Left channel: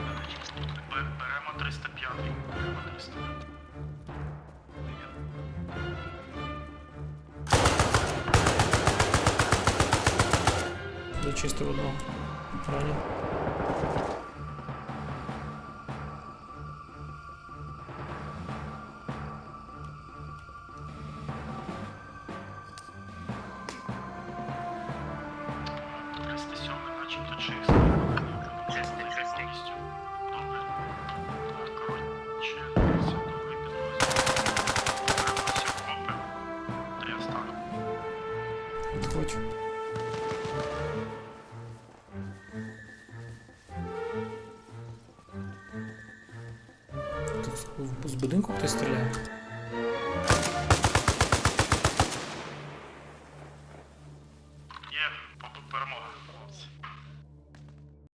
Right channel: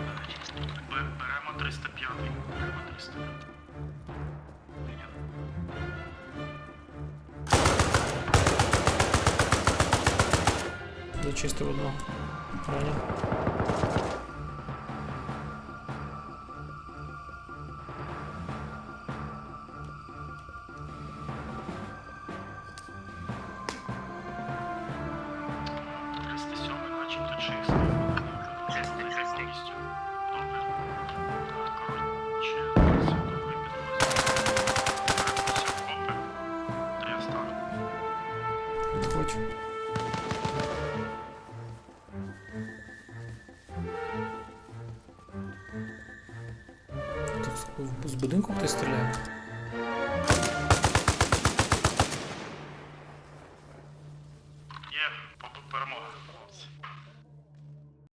бе- беремо 305. Беремо 305. Прийняв. Зачистив одного. Ранів. Е, 307 начебто чисто. Підходь. Тут з будинку хтось стріляє. Є, перемога, хлопці.